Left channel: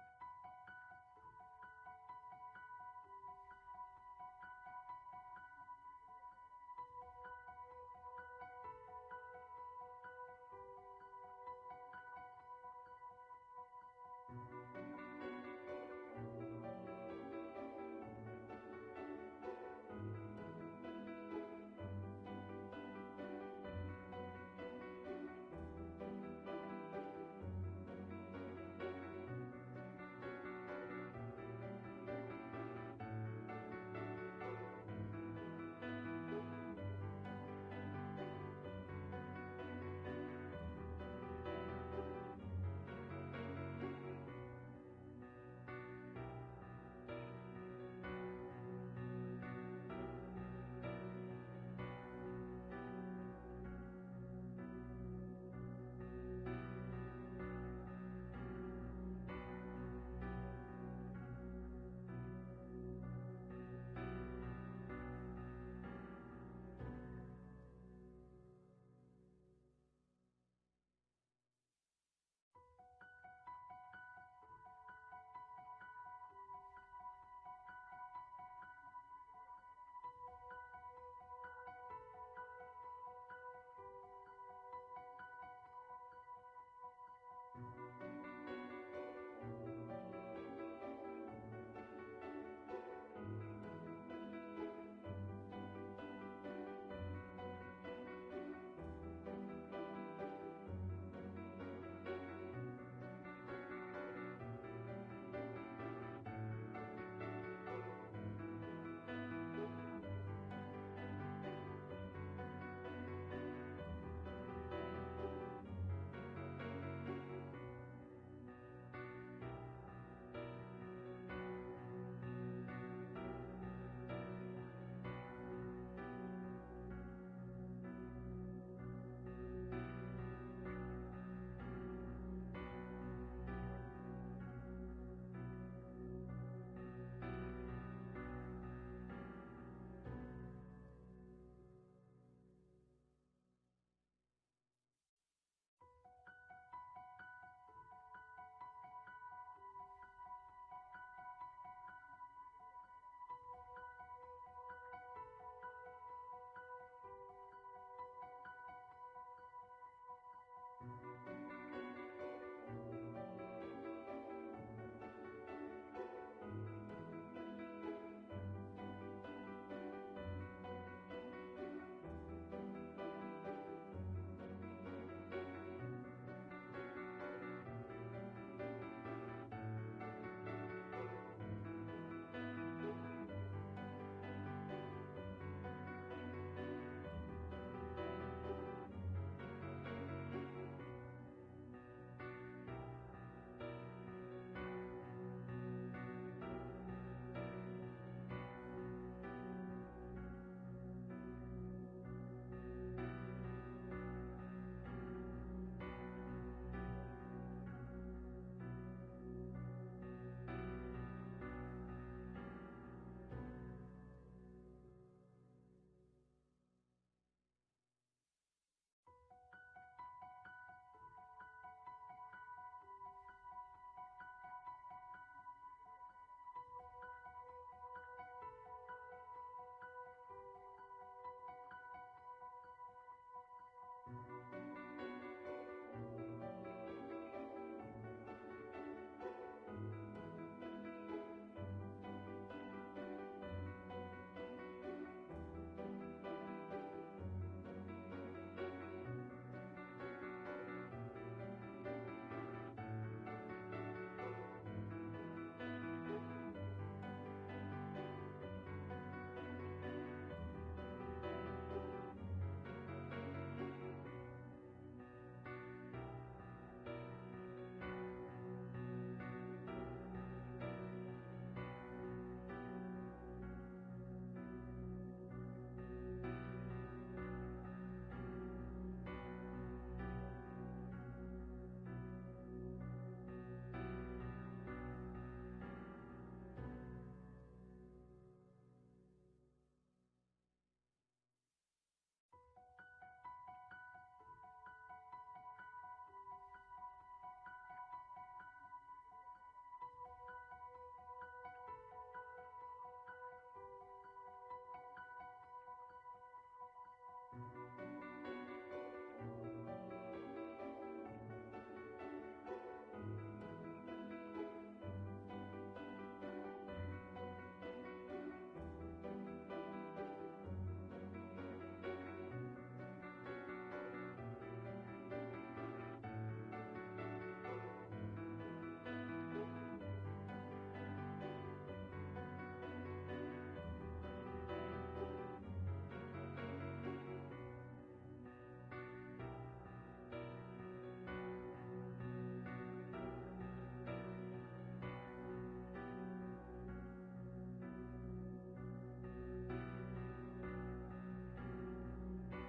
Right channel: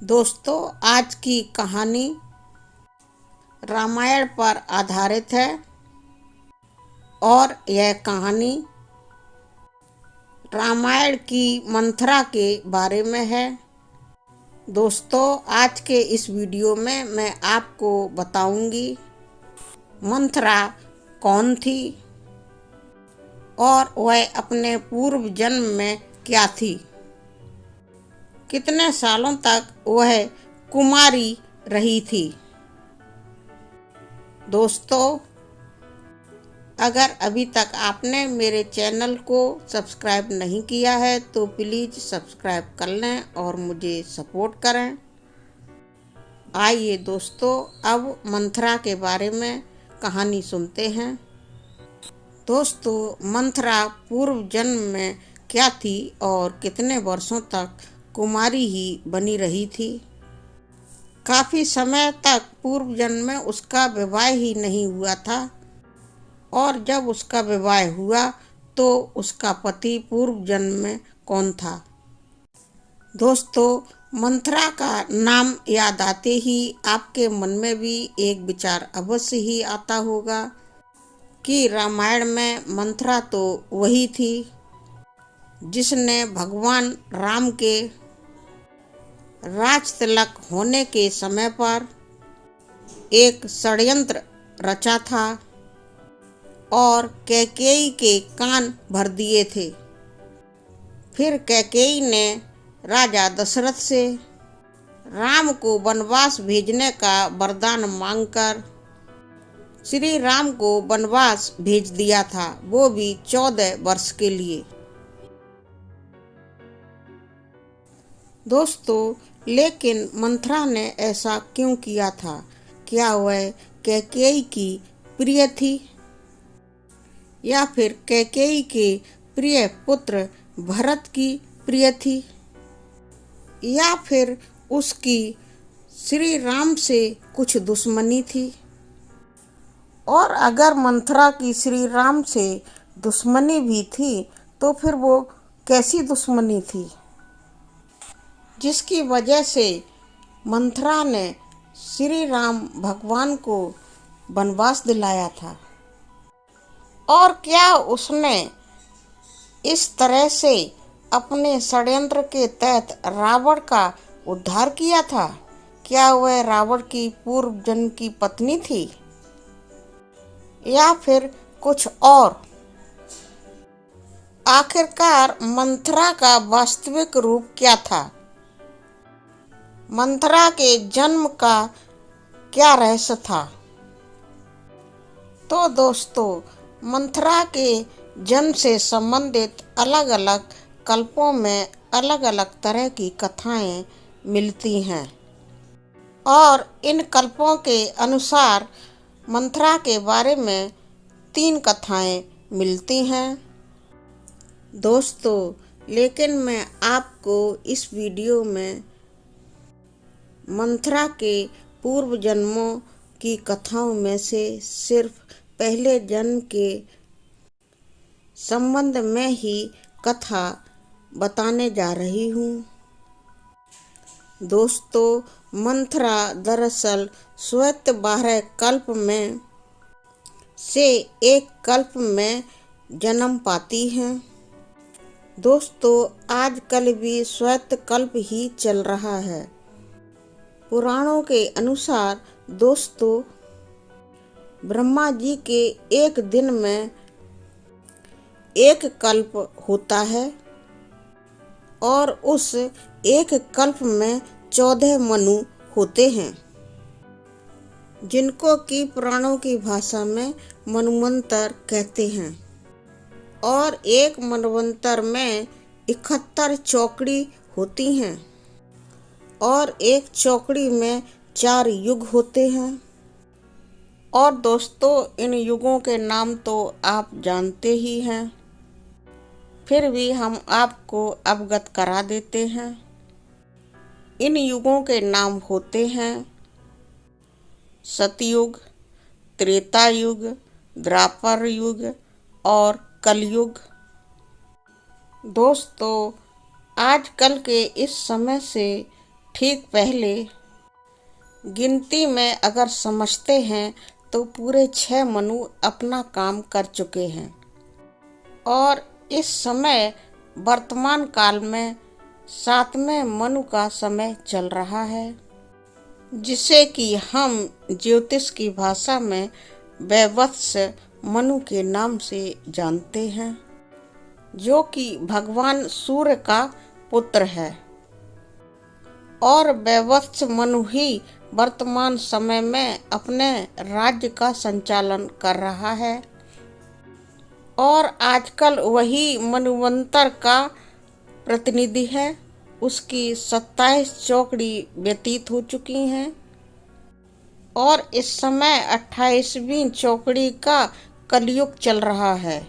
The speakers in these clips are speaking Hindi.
दोस्तों, आज की कहानी रामायण पर आधारित है और यह कहानी रामायण की मंथरा के बारे में है। दोस्तों, आज के इस वीडियो में मैं आपको बताऊंगी मंथरा कौन थी और वह अपने पूर्व जन्म में क्या थी। कितने सालों तक वह कुमारी रही थी। दोस्तों, अगर अभी तक आपने मेरे चैनल को सब्सक्राइब नहीं किया है तो प्लीज़ सब्सक्राइब कर लें और मुझे सपोर्ट करें। आइए दोस्तों, अब मंथरा के बारे में कहानी सुनते हैं। दोस्तों, मंथरा पूर्व जन्म में क्या थी और कितने वर्षों तक कुमारी ही बनी रही थी। काफ़ी समय तक पूर्व जन्म में उसका विवाह ही नहीं हुआ था और जब उसका विवाह हुआ तो उसका पति पूर्व जन्म में कौन था। दोस्तों, मंथरा का नाम याद आते ही आपके मन में भी एक विचार अवश्य ही आता होगा कि रामायण में मंथरा तो वही थी जिसने भगवान राम के राज तिलक होने के समय पर एक षड्यंत्र रचा था और कैकेयी के कान भर दिए थे। फिर कैकेयी ने राजा दशरथ से राम को वनवास भेजने का वरदान मांगकर श्री राम को वनवास भेज दिया था, वो भी 14 वर्ष के लिए। दोस्तों, लेकिन मंथरा ने ऐसा क्यों किया था? क्या वह कैकेयी की प्रिय थी या फिर कैकेयी के प्रिय पुत्र भरत की प्रिय थी या फिर उसकी श्री राम से कुछ दुश्मनी थी? और अगर मंथरा की श्री राम से दुश्मनी भी थी तो फिर वो कैसी दुश्मनी थी जिसकी वजह से मंथरा ने श्री राम भगवान को वनवास दिलाया था? और क्या उसने इस तरह से अपने षड्यंत्र के तहत रावण का उद्धार किया था? क्या वह रावण की पूर्व जन्म की पत्नी थी या फिर कुछ और? आखिरकार मंथरा का वास्तविक रूप क्या था? मंथरा के जन्म का क्या रहस्य था? तो दोस्तों, मंथरा के जन्म से संबंधित अलग अलग कल्पों में अलग अलग तरह की कथाएं मिलती हैं और इन कल्पों के अनुसार मंथरा के बारे में 3 कथाएं मिलती हैं। दोस्तों, लेकिन मैं आपको इस वीडियो में मंथरा के पूर्व जन्मों की कथाओं में से सिर्फ पहले जन्म के संबंध में ही कथा बताने जा रही हूँ। दोस्तों, मंथरा दरअसल श्वेत 12 कल्प में से एक कल्प में जन्म पाती हैं। दोस्तों, आजकल भी श्वेत कल्प ही चल रहा है। पुराणों के अनुसार दोस्तों, ब्रह्मा जी के एक दिन में एक कल्प होता है और उस एक कल्प में 14 मनु होते हैं जिनको कि पुराणों की भाषा में मन्वंतर कहते हैं। और एक मन्वंतर में 71 चौकड़ी होती हैं और एक चौकड़ी में 4 युग होते हैं। और दोस्तों, इन युगों के नाम तो आप जानते ही हैं, फिर भी हम आपको अवगत करा देते हैं। इन युगों के नाम होते हैं सतयुग, त्रेता युग, द्वापर युग और कलयुग। दोस्तों, आजकल के इस समय से ठीक पहले गिनती में अगर समझते हैं तो पूरे 6 मनु अपना काम कर चुके हैं और इस समय वर्तमान काल में 7वें मनु का समय चल रहा है, जिसे कि हम ज्योतिष की भाषा में वैवत्स मनु के नाम से जानते हैं, जो कि भगवान सूर्य का पुत्र है। और वैवत्स मनु ही वर्तमान समय में अपने राज्य का संचालन कर रहा है और आजकल वही मन्वंतर का प्रतिनिधि है। उसकी 27 चौकड़ी व्यतीत हो चुकी हैं और इस समय 28वीं चौकड़ी का कलयुग चल रहा है।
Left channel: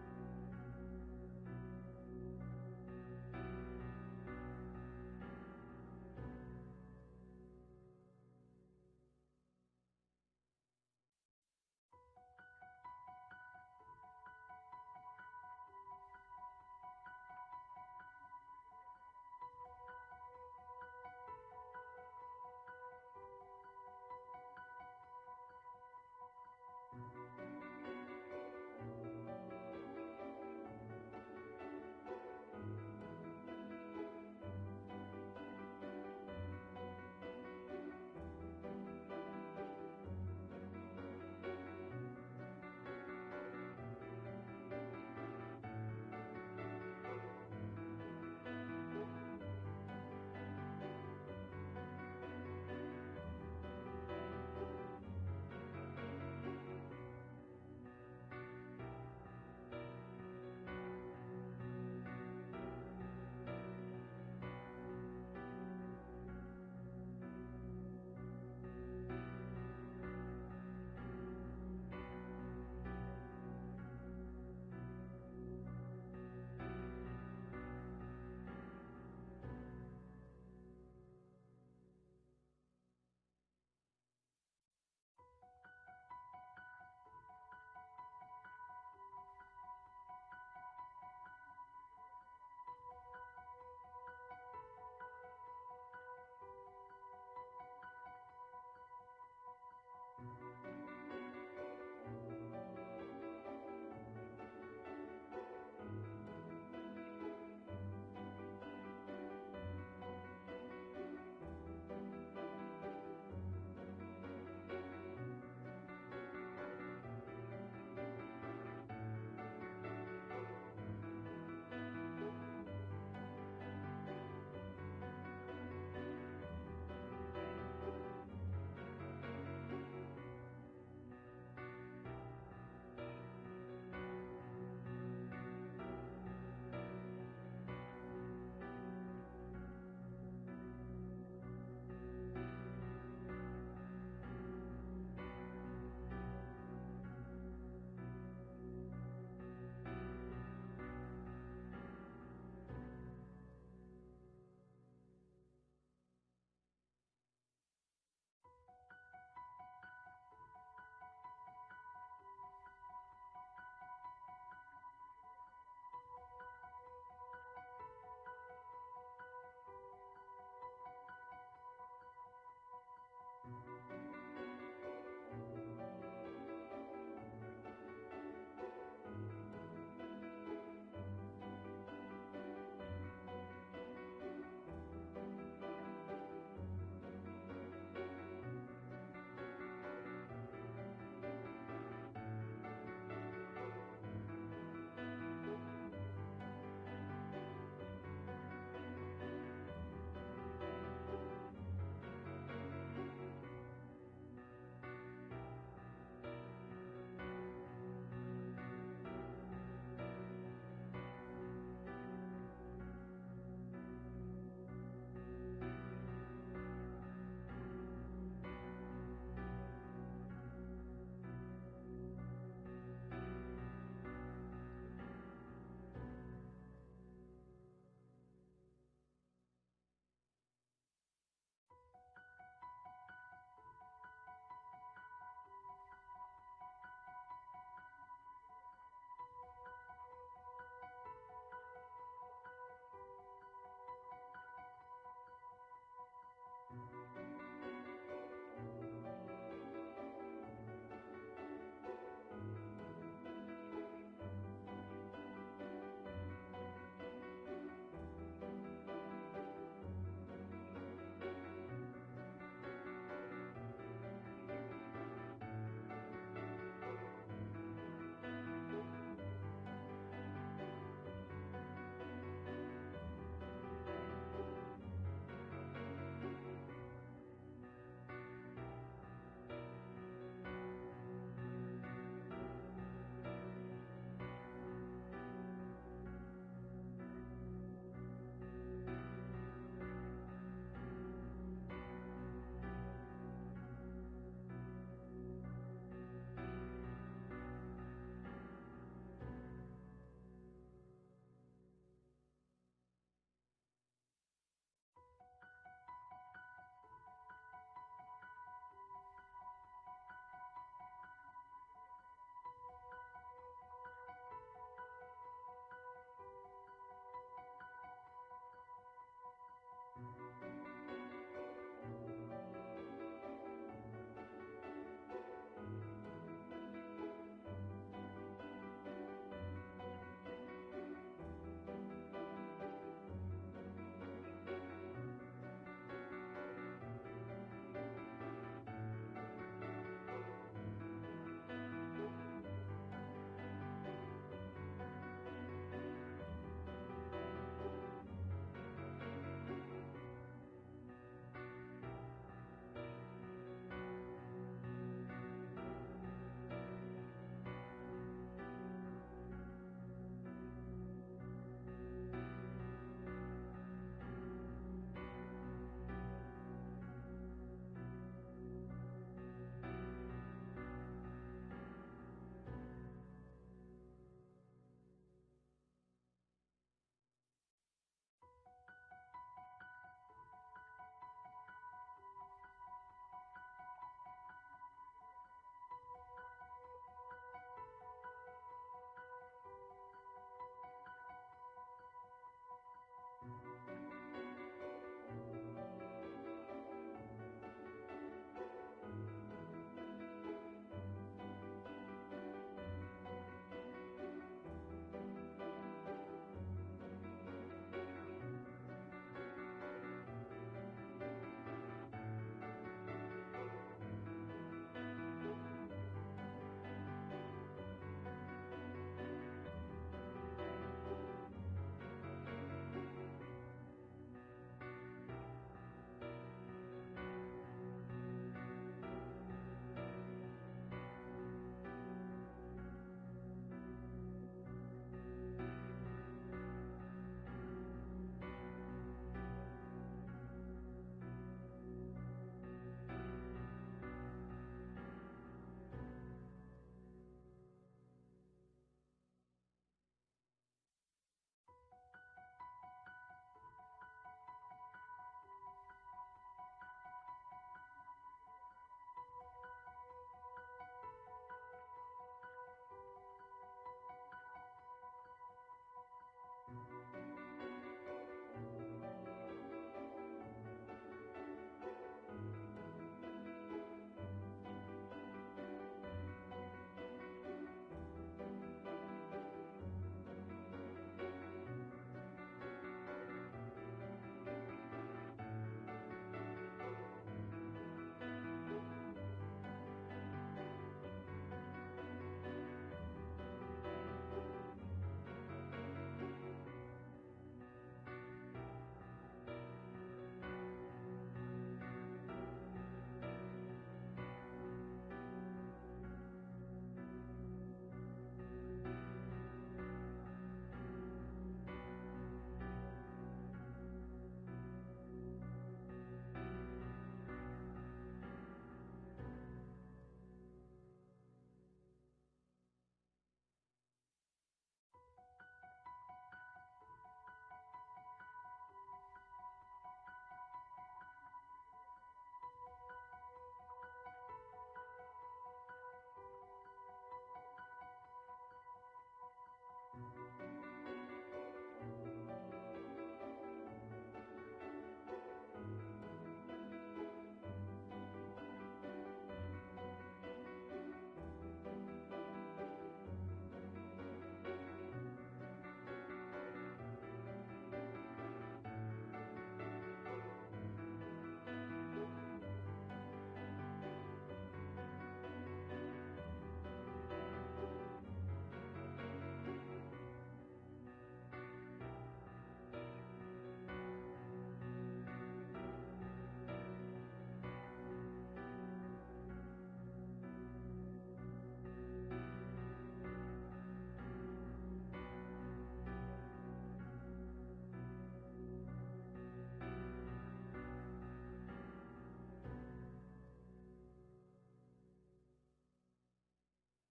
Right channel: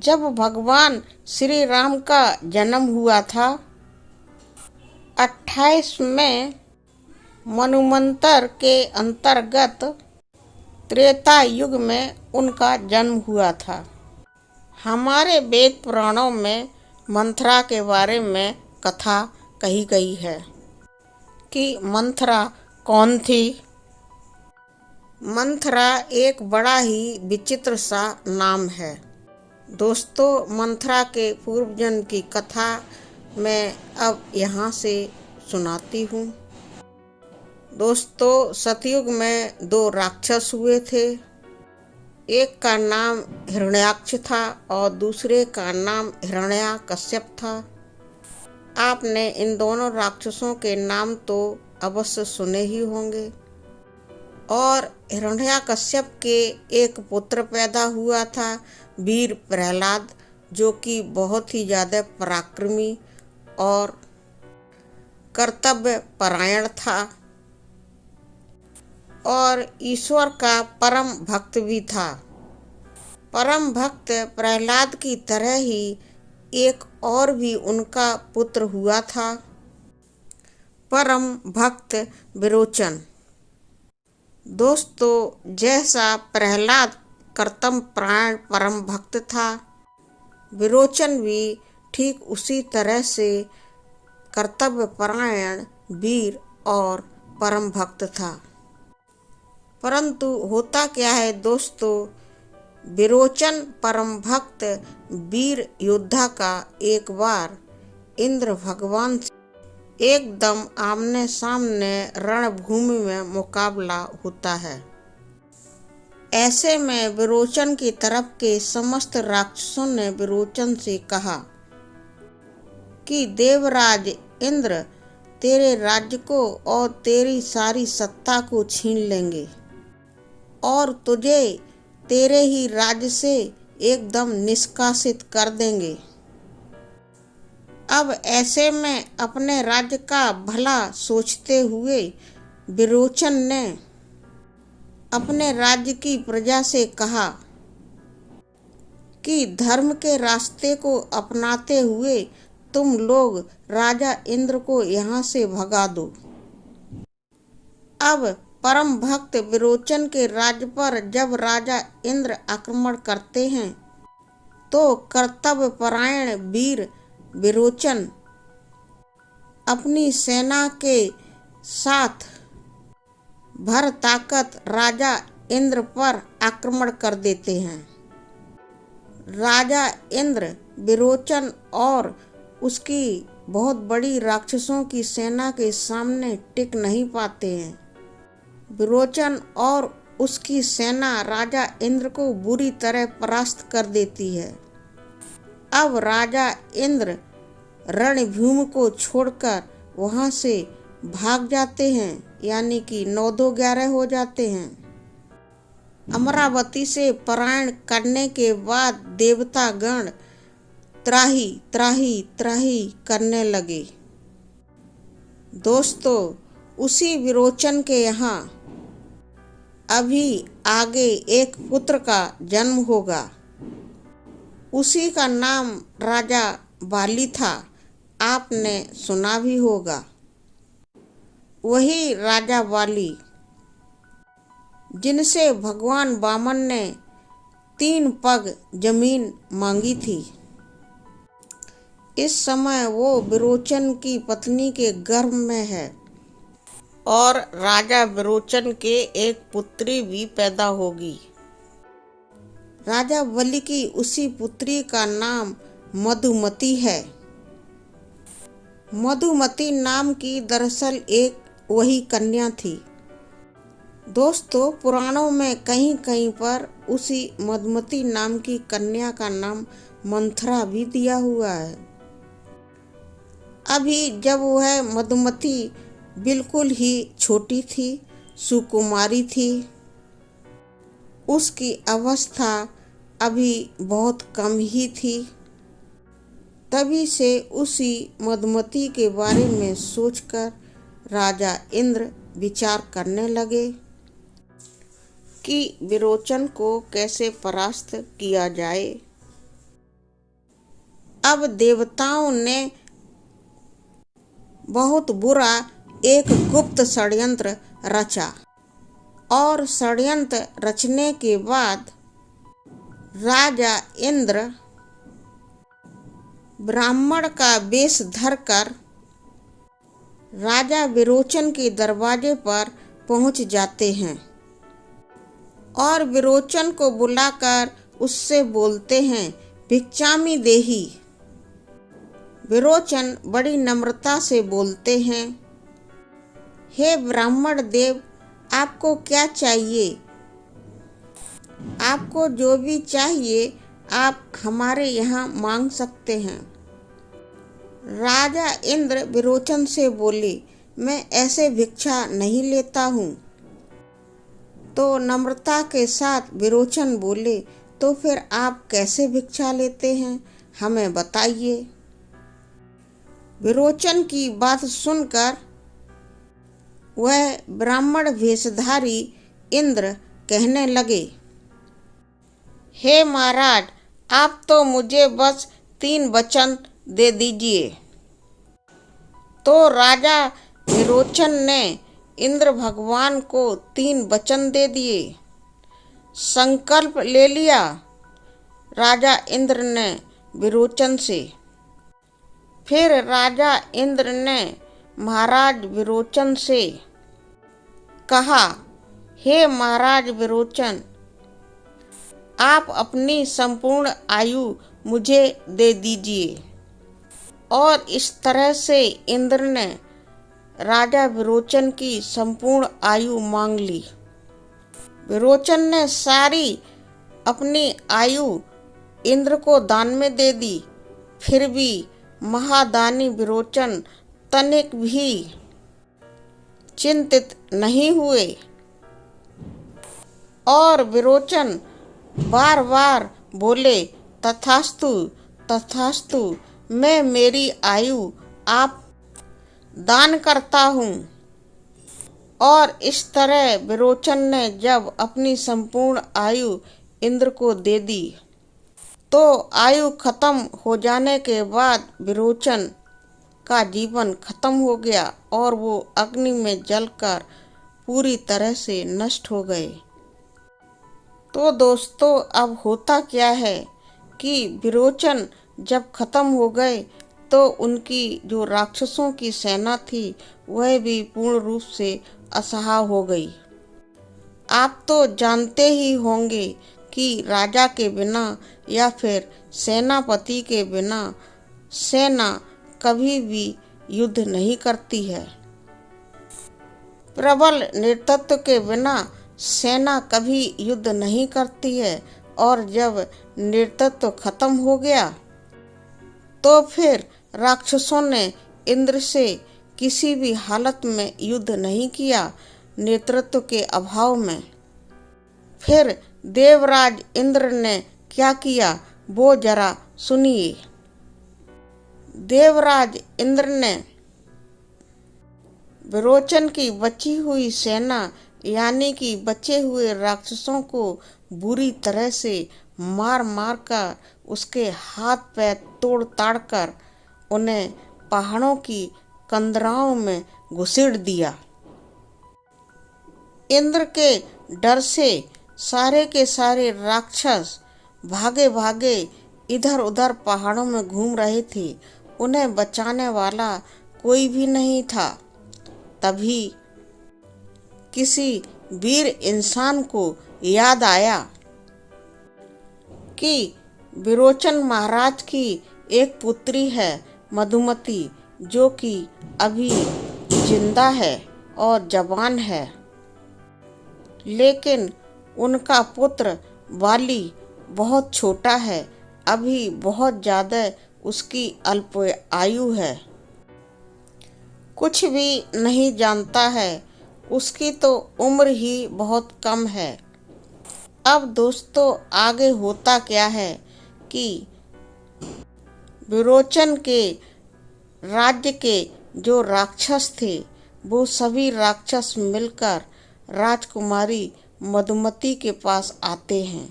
जब भगवान श्री राम का जन्म हुआ था 28वें मन्वंतर के अंतर्गत त्रेता युग में उनका जन्म हुआ था। हमारे वेद पुराणों में मंथरा के बारे में कथा कही गई है कि मंथरा कौन थी। मंथरा एक बड़ा ही विचित्र सा नाम है। दोस्तों, मंथरा के पूर्वजन्म की कथा मैं अब यहाँ से सुनाती हूँ। दोस्तों, सतयुग में 2 राक्षस हुए थे। एक का नाम हिरण्याक्ष था और दूसरे का नाम हिरण्याकश्यप था। आपने इन दोनों राक्षसों के नाम तो अवश्य सुने ही होंगे। और हिरण्याकश्यप के एक पुत्र पैदा हुआ था, वीर प्रहलाद, जो कि बहुत ही ज़्यादा पराक्रमी और कर्तव्य परायण था और ईश्वर का परम भक्त भी था। परम भक्त प्रहलाद की तरह ही एक और भी उनका पुत्र हुआ था, परम भक्त विरोचन। दोस्तों, जैसा प्रहलाद कर्तव्य परायण परम भक्त था, विरोचन भी ठीक उसी तरह से कर्तव्य परायण वीर और परम भक्त था। परंतु होता क्या है दोस्तों, विरोचन परम भक्त वीर योद्धा का एक बार इंद्र भगवान से एकदम आमने सामने रणभूमि में मुकाबला होता है। ऐसे में विरोचन की तरफ के समस्त राक्षसों ने विरोचन से कहा कि देवराज इंद्र तेरे राज्य को और तेरी सारी सत्ता को छीन लेंगे और तुझे तेरे ही राज्य से एकदम निष्कासित कर देंगे। अब ऐसे में अपने राज्य का भला सोचते हुए विरोचन ने अपने राज्य की प्रजा से कहा कि धर्म के रास्ते को अपनाते हुए तुम लोग राजा इंद्र को यहाँ से भगा दो। अब परम भक्त विरोचन के राज्य पर जब राजा इंद्र आक्रमण करते हैं तो कर्तव्य परायण वीर विरोचन अपनी सेना के साथ भर ताकत राजा इंद्र पर आक्रमण कर देते हैं। राजा इंद्र विरोचन और उसकी बहुत बड़ी राक्षसों की सेना के सामने टिक नहीं पाते हैं। विरोचन और उसकी सेना राजा इंद्र को बुरी तरह परास्त कर देती है। अब राजा इंद्र रणभूमि को छोड़कर वहां से भाग जाते हैं, यानी कि 9-11 हो जाते हैं। अमरावती से पलायन करने के बाद देवता गण त्राही त्राही त्राही करने लगे। दोस्तों, उसी विरोचन के यहाँ अभी आगे एक पुत्र का जन्म होगा। उसी का नाम राजा बाली था, आपने सुना भी होगा। वही राजा बाली जिनसे भगवान वामन ने 3 पग जमीन मांगी थी। इस समय वो विरोचन की पत्नी के गर्भ में है और राजा विरोचन के एक पुत्री भी पैदा होगी। राजा बलि की उसी पुत्री का नाम मधुमती है। मधुमती नाम की दरअसल एक वही कन्या थी। दोस्तों, पुराणों में कहीं कहीं पर उसी मधुमती नाम की कन्या का नाम मंथरा भी दिया हुआ है। अभी जब वह मधुमती बिल्कुल ही छोटी थी, सुकुमारी थी, उसकी अवस्था अभी बहुत कम ही थी, तभी से उसी मधुमती के बारे में सोचकर राजा इंद्र विचार करने लगे कि विरोचन को कैसे परास्त किया जाए। अब देवताओं ने बहुत बुरा एक गुप्त षड्यंत्र रचा और षड्यंत्र रचने के बाद राजा इंद्र ब्राह्मण का वेश धरकर राजा विरोचन के दरवाजे पर पहुंच जाते हैं और विरोचन को बुलाकर उससे बोलते हैं, भिक्षामि देहि। विरोचन बड़ी नम्रता से बोलते हैं, हे ब्राह्मण देव, आपको क्या चाहिए? आपको जो भी चाहिए आप हमारे यहाँ मांग सकते हैं। राजा इंद्र विरोचन से बोले, मैं ऐसे भिक्षा नहीं लेता हूँ। तो नम्रता के साथ विरोचन बोले, तो फिर आप कैसे भिक्षा लेते हैं, हमें बताइए। विरोचन की बात सुनकर वह ब्राह्मण वेशधारी इंद्र कहने लगे, हे महाराज, आप तो मुझे बस 3 वचन दे दीजिए। तो राजा विरोचन ने इंद्र भगवान को 3 वचन दे दिए। संकल्प ले लिया राजा इंद्र ने विरोचन से। फिर राजा इंद्र ने महाराज विरोचन से कहा, हे महाराज विरोचन, आप अपनी संपूर्ण आयु मुझे दे दीजिए। और इस तरह से इंद्र ने राजा विरोचन की संपूर्ण आयु मांग ली। विरोचन ने सारी अपनी आयु इंद्र को दान में दे दी। फिर भी महादानी विरोचन तनिक भी चिंतित नहीं हुए और विरोचन बार बार बोले, तथास्तु तथास्तु, मैं मेरी आयु आप दान करता हूँ। और इस तरह विरोचन ने जब अपनी संपूर्ण आयु इंद्र को दे दी तो आयु खत्म हो जाने के बाद विरोचन का जीवन खत्म हो गया और वो अग्नि में जलकर पूरी तरह से नष्ट हो गए। तो दोस्तों, अब होता क्या है कि विरोचन जब खत्म हो गए तो उनकी जो राक्षसों की सेना थी वह भी पूर्ण रूप से असहाय हो गई। आप तो जानते ही होंगे कि राजा के बिना या फिर सेनापति के बिना सेना कभी भी युद्ध नहीं करती है। प्रबल नेतृत्व के बिना सेना कभी युद्ध नहीं करती है और जब नेतृत्व खत्म हो गया तो फिर राक्षसों ने इंद्र से किसी भी हालत में युद्ध नहीं किया, नेतृत्व के अभाव में। फिर देवराज इंद्र ने क्या किया वो जरा सुनिए। देवराज इंद्र ने विरोचन की बची हुई सेना यानी कि बचे हुए राक्षसों को बुरी तरह से मार मार कर उसके हाथ पैर तोड़ ताड़ कर उन्हें पहाड़ों की कंदराओं में घुसेड़ दिया। इंद्र के डर से सारे के सारे राक्षस भागे भागे इधर उधर पहाड़ों में घूम रहे थे उन्हें बचाने वाला कोई भी नहीं था। तभी किसी वीर इंसान को याद आया कि विरोचन महाराज की एक पुत्री है मधुमती, जो कि अभी जिंदा है और जवान है, लेकिन उनका पुत्र वाली बहुत छोटा है, अभी बहुत ज़्यादा उसकी अल्प आयु है, कुछ भी नहीं जानता है, उसकी तो उम्र ही बहुत कम है। अब दोस्तों आगे होता क्या है कि विरोचन के राज्य के जो राक्षस थे वो सभी राक्षस मिलकर राजकुमारी मधुमती के पास आते हैं,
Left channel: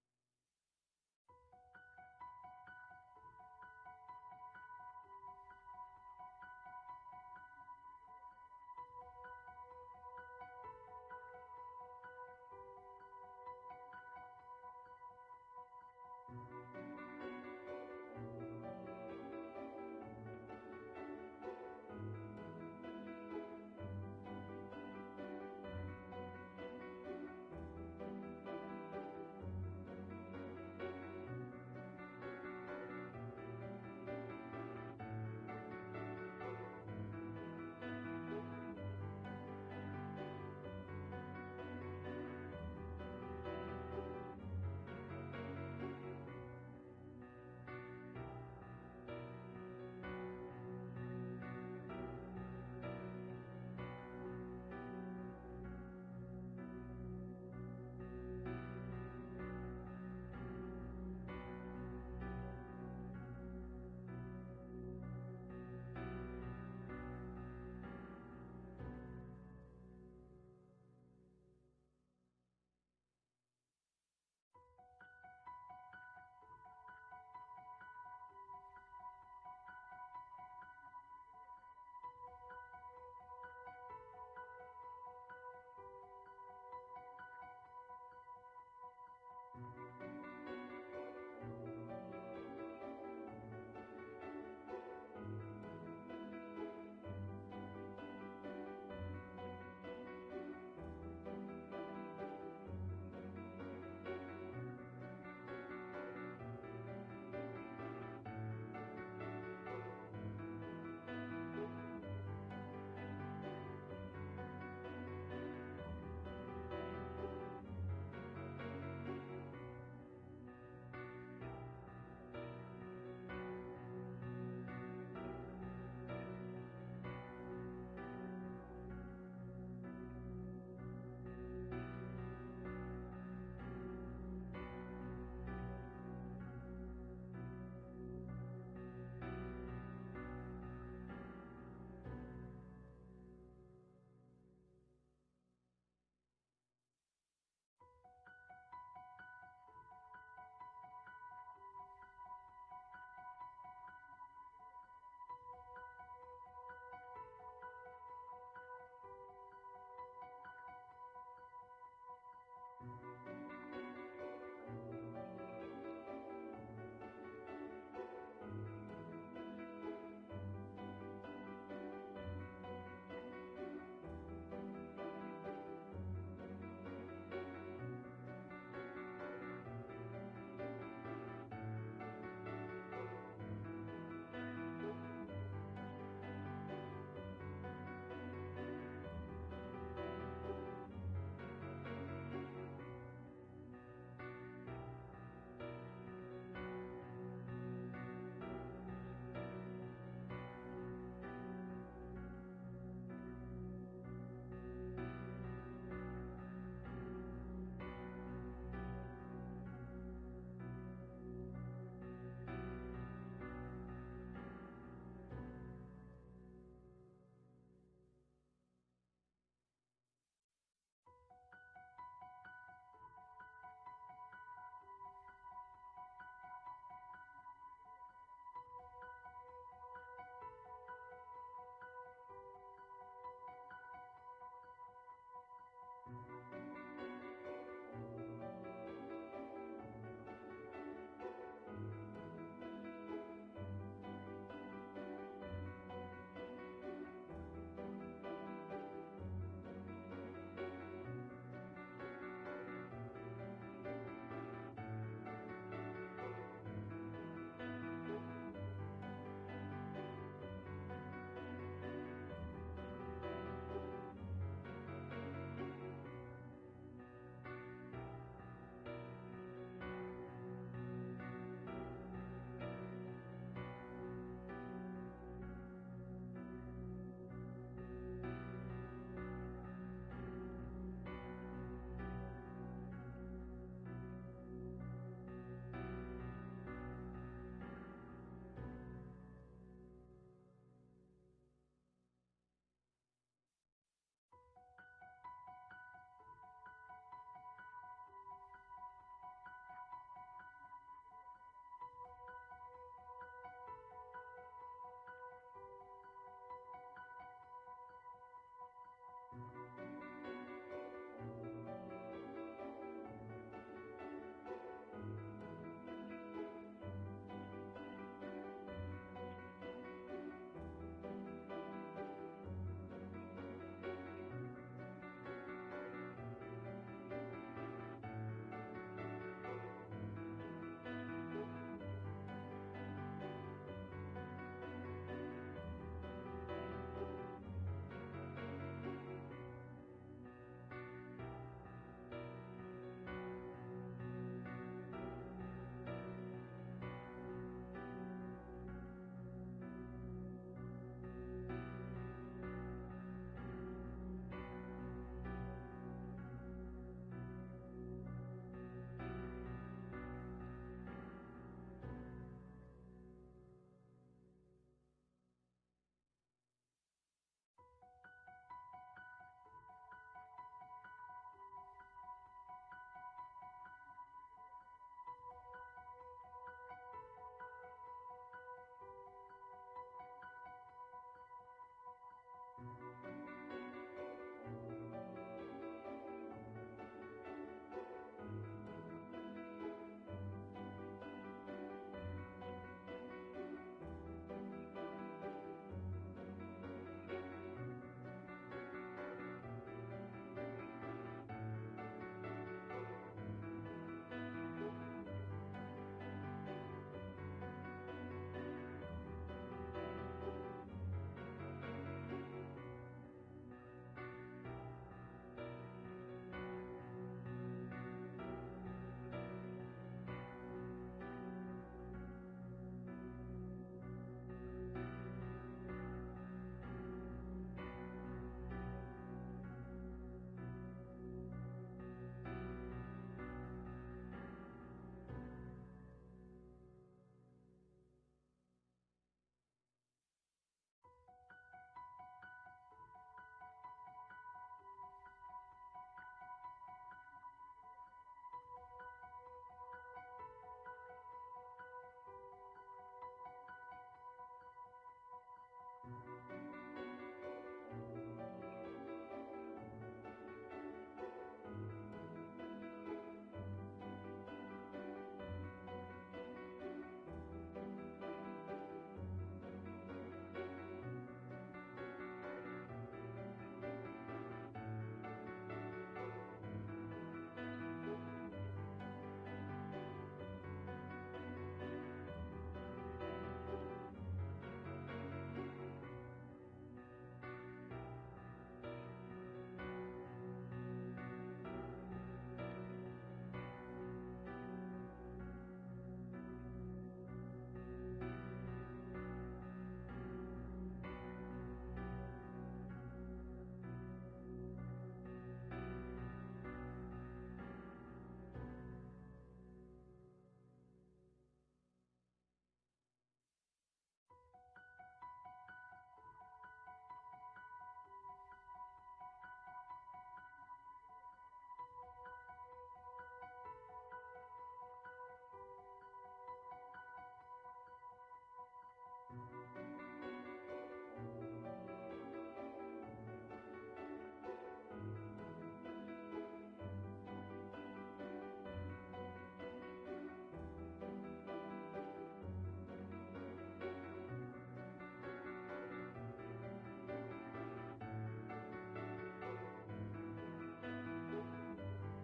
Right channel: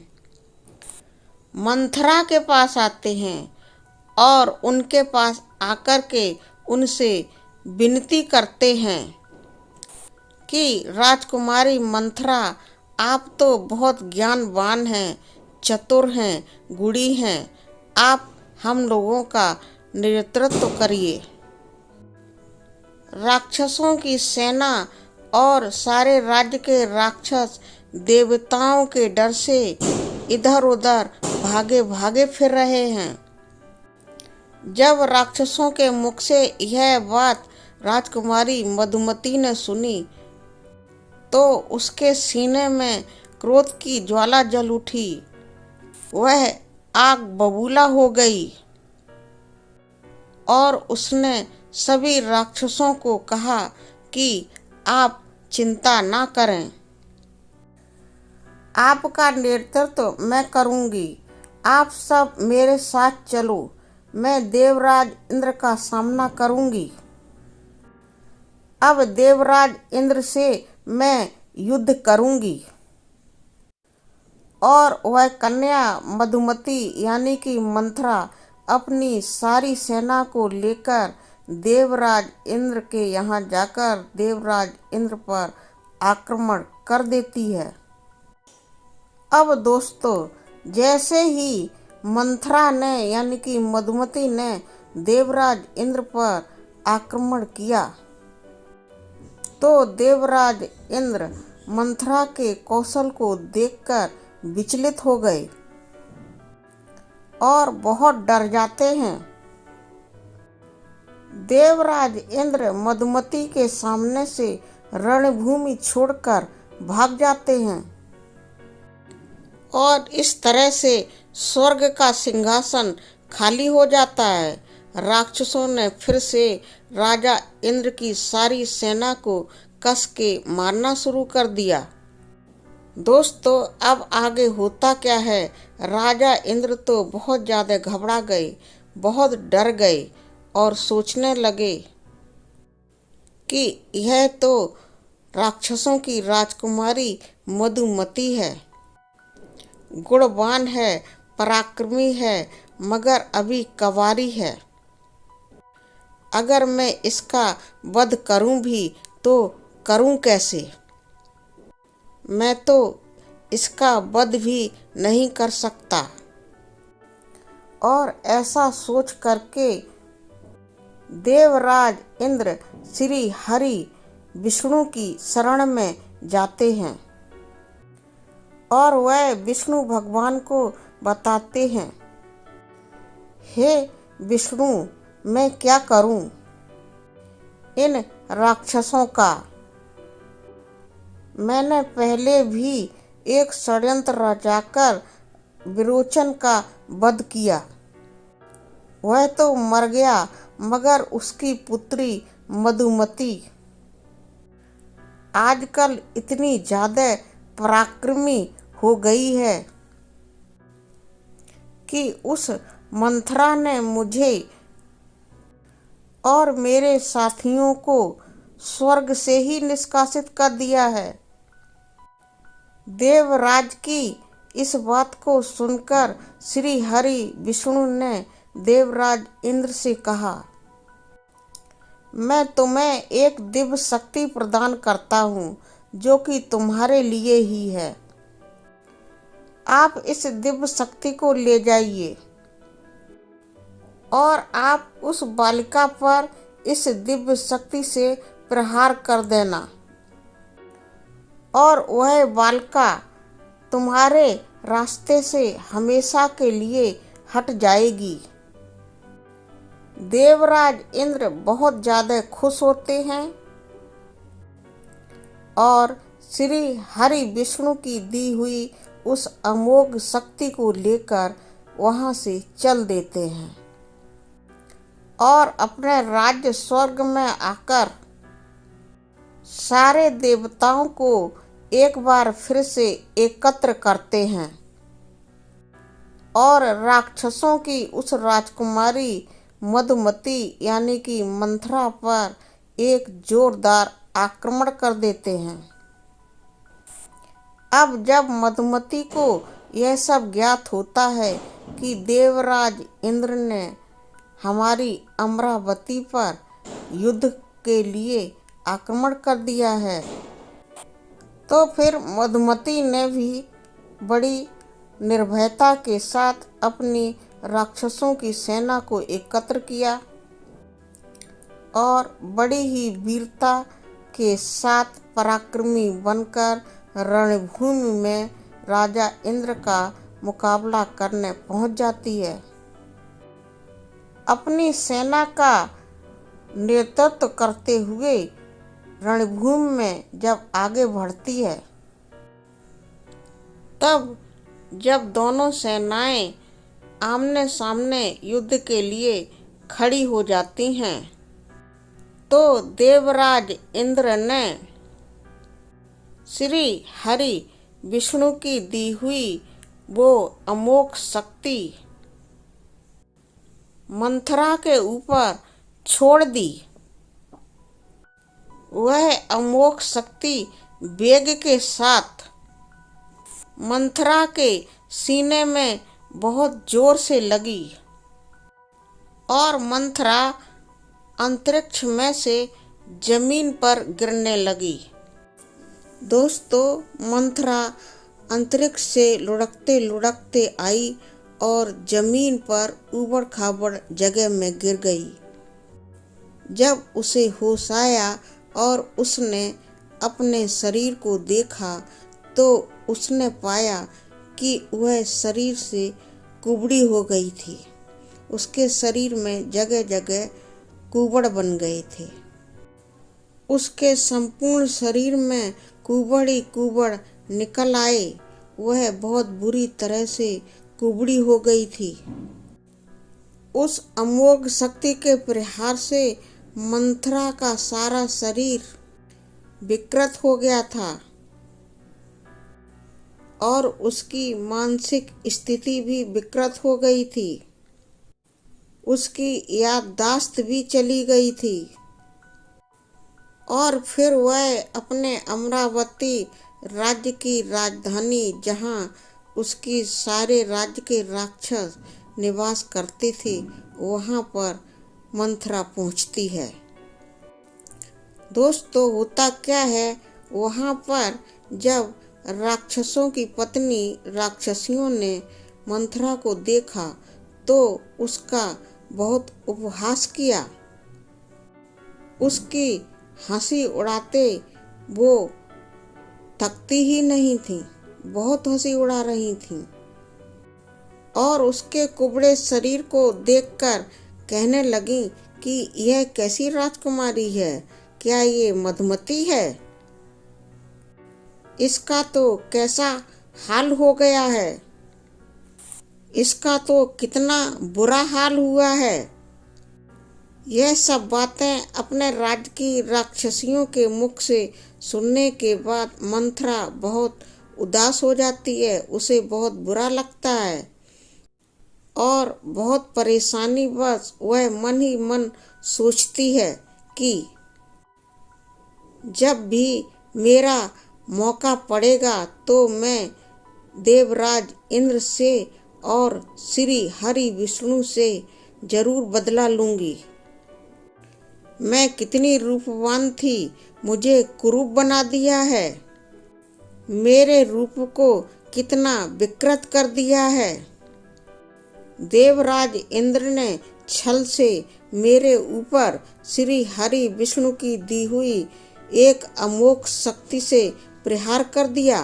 मंथरा के पास आते हैं और उनके पास आकर के उनसे विनती करते हैं कि राजकुमारी मंथरा, आप तो बहुत ज्ञानवान हैं, चतुर हैं, गुणी हैं, आप हम लोगों का नेतृत्व करिए। राक्षसों की सेना और सारे राज्य के राक्षस देवताओं के डर से इधर उधर भागे भागे फिर रहे हैं। जब राक्षसों के मुख से यह बात राजकुमारी मधुमती ने सुनी तो उसके सीने में क्रोध की ज्वाला जल उठी, वह आग बबूला हो गई और उसने सभी राक्षसों को कहा कि आप चिंता ना करें, आपका नेतृत्व मैं करूंगी, आप सब मेरे साथ चलो, मैं देवराज इंद्र का सामना करूंगी। अब देवराज इंद्र से मैं युद्ध करूंगी। और वह कन्या मधुमती यानी कि मंथरा अपनी सारी सेना को लेकर देवराज इंद्र के यहाँ जाकर देवराज इंद्र पर आक्रमण कर देती है। अब दोस्तों जैसे ही मंथरा ने यानी कि मधुमती ने देवराज इंद्र पर आक्रमण किया तो देवराज इंद्र मंथरा के कौशल को देखकर विचलित हो गए और बहुत डर जाते हैं। देवराज इंद्र मधुमती के सामने से रणभूमि छोड़कर भाग जाते हैं और इस तरह से स्वर्ग का सिंहासन खाली हो जाता है। राक्षसों ने फिर से राजा इंद्र की सारी सेना को कस के मारना शुरू कर दिया। दोस्तों अब आगे होता क्या है, राजा इंद्र तो बहुत ज़्यादा घबरा गए, बहुत डर गए और सोचने लगे कि यह तो राक्षसों की राजकुमारी मधुमती है, गुणवान है, पराक्रमी है, मगर अभी कंवारी है। अगर मैं इसका वध करूं भी तो करूं कैसे, मैं तो इसका वध भी नहीं कर सकता। और ऐसा सोच करके देवराज इंद्र श्री हरि विष्णु की शरण में जाते हैं और वह विष्णु भगवान को बताते हैं, हे विष्णु, मैं क्या करूं इन राक्षसों का। मैंने पहले भी एक षड्यंत्र रचाकर विरोचन का वध किया, वह तो मर गया, मगर उसकी पुत्री मधुमती आजकल इतनी ज्यादा पराक्रमी हो गई है कि उस मंथरा ने मुझे और मेरे साथियों को स्वर्ग से ही निष्कासित कर दिया है। देवराज की इस बात को सुनकर श्री हरि विष्णु ने देवराज इंद्र से कहा, मैं तुम्हें एक दिव्य शक्ति प्रदान करता हूँ जो कि तुम्हारे लिए ही है। आप इस दिव्य शक्ति को ले जाइए और आप उस बालिका पर इस दिव्य शक्ति से प्रहार कर देना और वह बालिका तुम्हारे रास्ते से हमेशा के लिए हट जाएगी। देवराज इंद्र बहुत ज्यादा खुश होते हैं और श्री हरि विष्णु की दी हुई उस अमोघ शक्ति को लेकर वहां से चल देते हैं और अपने राज्य स्वर्ग में आकर सारे देवताओं को एक बार फिर से एकत्र करते हैं और राक्षसों की उस राजकुमारी मधुमती यानी कि मंथरा पर एक जोरदार आक्रमण कर देते हैं। अब जब मधुमती को यह सब ज्ञात होता है कि देवराज इंद्र ने हमारी अमरावती पर युद्ध के लिए आक्रमण कर दिया है, तो फिर मधुमती ने भी बड़ी निर्भयता के साथ अपनी राक्षसों की सेना को एकत्र किया और बड़ी ही वीरता के साथ पराक्रमी बनकर रणभूमि में राजा इंद्र का मुकाबला करने पहुंच जाती है। अपनी सेना का नेतृत्व करते हुए रणभूमि में जब आगे बढ़ती है, तब जब दोनों सेनाएं आमने सामने युद्ध के लिए खड़ी हो जाती हैं, तो देवराज इंद्र ने श्री हरि विष्णु की दी हुई वो अमोघ शक्ति मंथरा के ऊपर छोड़ दी। वह अमोघ शक्ति वेग के साथ मंथरा के सीने में बहुत जोर से लगी और मंथरा अंतरिक्ष में से जमीन पर गिरने लगी। दोस्तों, मंथरा अंतरिक्ष से लुढ़कते लुढ़कते आई और जमीन पर ऊबड़ खाबड़ जगह में गिर गई। जब उसे होश आया और उसने अपने शरीर को देखा, तो उसने पाया कि वह शरीर से कुबड़ी हो गई थी। उसके शरीर में जगह जगह कुबड़ बन गए थे। उसके संपूर्ण शरीर में कुबड़ ही कुबड़ निकल आए। वह बहुत बुरी तरह से कुबड़ी हो गई थी। उस अमोघ शक्ति के प्रहार से मंथरा का सारा शरीर विकृत हो गया था और उसकी मानसिक स्थिति भी विकृत हो गई थी। उसकी याददाश्त भी चली गई थी और फिर वह अपने अमरावती राज्य की राजधानी, जहां उसकी सारे राज्य के राक्षस निवास करते थे, वहां पर मंथरा पहुंचती है। दोस्तों, होता क्या है, वहां पर जब राक्षसों की पत्नी राक्षसियों ने मंथरा को देखा, तो उसका बहुत उपहास किया। उसकी हंसी उड़ाते वो थकती ही नहीं थी, बहुत हंसी उड़ा रही थी और उसके कुबड़े शरीर को देखकर कहने लगी कि यह कैसी राजकुमारी है, क्या ये मधुमती है? इसका तो कैसा हाल हो गया है, इसका तो कितना बुरा हाल हुआ है। यह सब बातें अपने राज्य की राक्षसियों के मुख से सुनने के बाद मंथरा बहुत उदास हो जाती है। उसे बहुत बुरा लगता है और बहुत परेशानी बस वह मन ही मन सोचती है कि जब भी मेरा मौका पड़ेगा तो मैं देवराज इंद्र से और श्री हरि विष्णु से जरूर बदला लूंगी। मैं कितनी रूपवान थी, मुझे कुरूप बना दिया है, मेरे रूप को कितना विकृत कर दिया है। देवराज इंद्र ने छल से मेरे ऊपर श्री हरि विष्णु की दी हुई एक अमोघ शक्ति से प्रहार कर दिया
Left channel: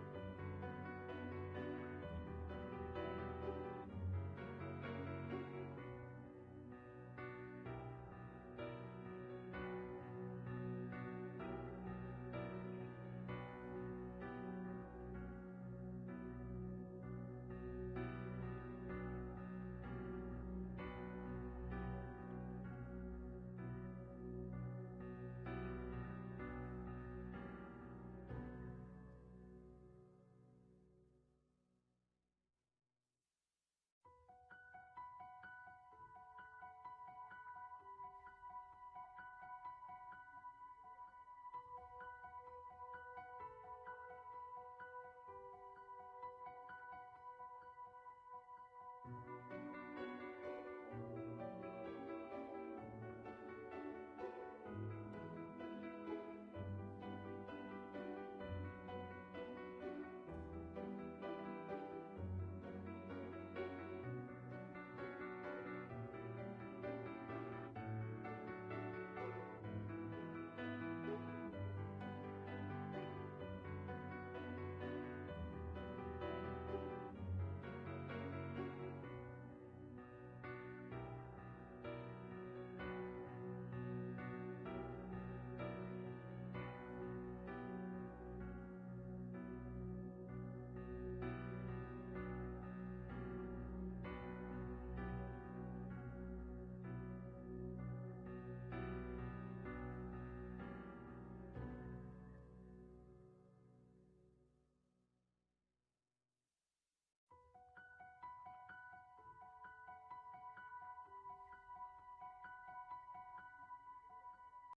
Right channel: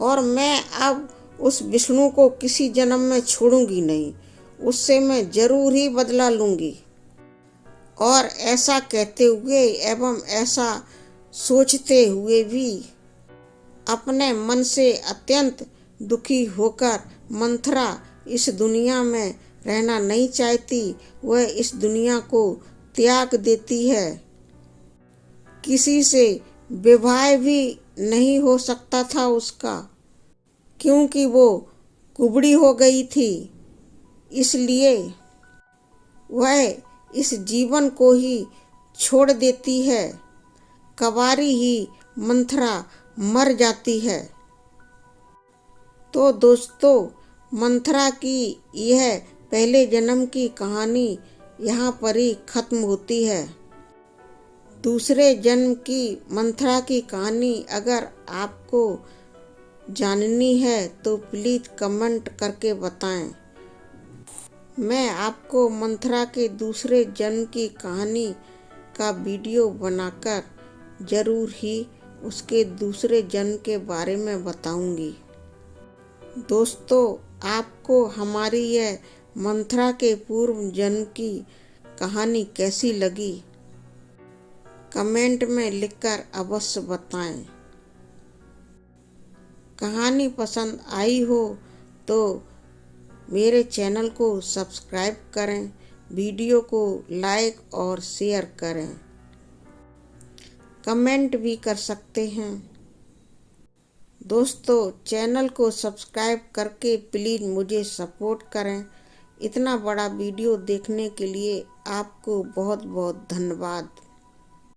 और मैं अब उस विष्णु को किसी जन्म में छोड़ूंगी नहीं। उससे मैं जरूर ही बदला लूंगी। और ऐसा कहते हुए एवं ऐसा सोचते हुए भी अपने मन से अत्यंत दुखी होकर मंथरा इस दुनिया में रहना नहीं चाहती। वह इस दुनिया को त्याग देती है। किसी से विवाह भी नहीं हो सकता था उसका, क्योंकि वो कुबड़ी हो गई थी। इसलिए वह इस जीवन को ही छोड़ देती है। कवारी ही मंथरा मर जाती है। तो दोस्तों, मंथरा की यह पहले जन्म की कहानी यहाँ पर ही खत्म होती है। दूसरे जन्म की मंथरा की कहानी अगर आपको जाननी है तो प्लीज कमेंट करके बताएं। मैं आपको मंथरा के दूसरे जन्म की कहानी का वीडियो बनाकर जरूर ही उसके दूसरे जन्म के बारे में बताऊंगी। दोस्तों, आपको हमारी यह मंथरा के पूर्व जन्म की कहानी कैसी लगी, कमेंट में लिखकर अवश्य बताएं। कहानी पसंद आई हो तो मेरे चैनल को सब्सक्राइब करें, वीडियो को लाइक और शेयर करें, कमेंट भी कर सकते हैं। दोस्तों, चैनल को सब्सक्राइब करके प्लीज़ मुझे सपोर्ट करें। इतना बड़ा वीडियो देखने के लिए आपको बहुत बहुत धन्यवाद।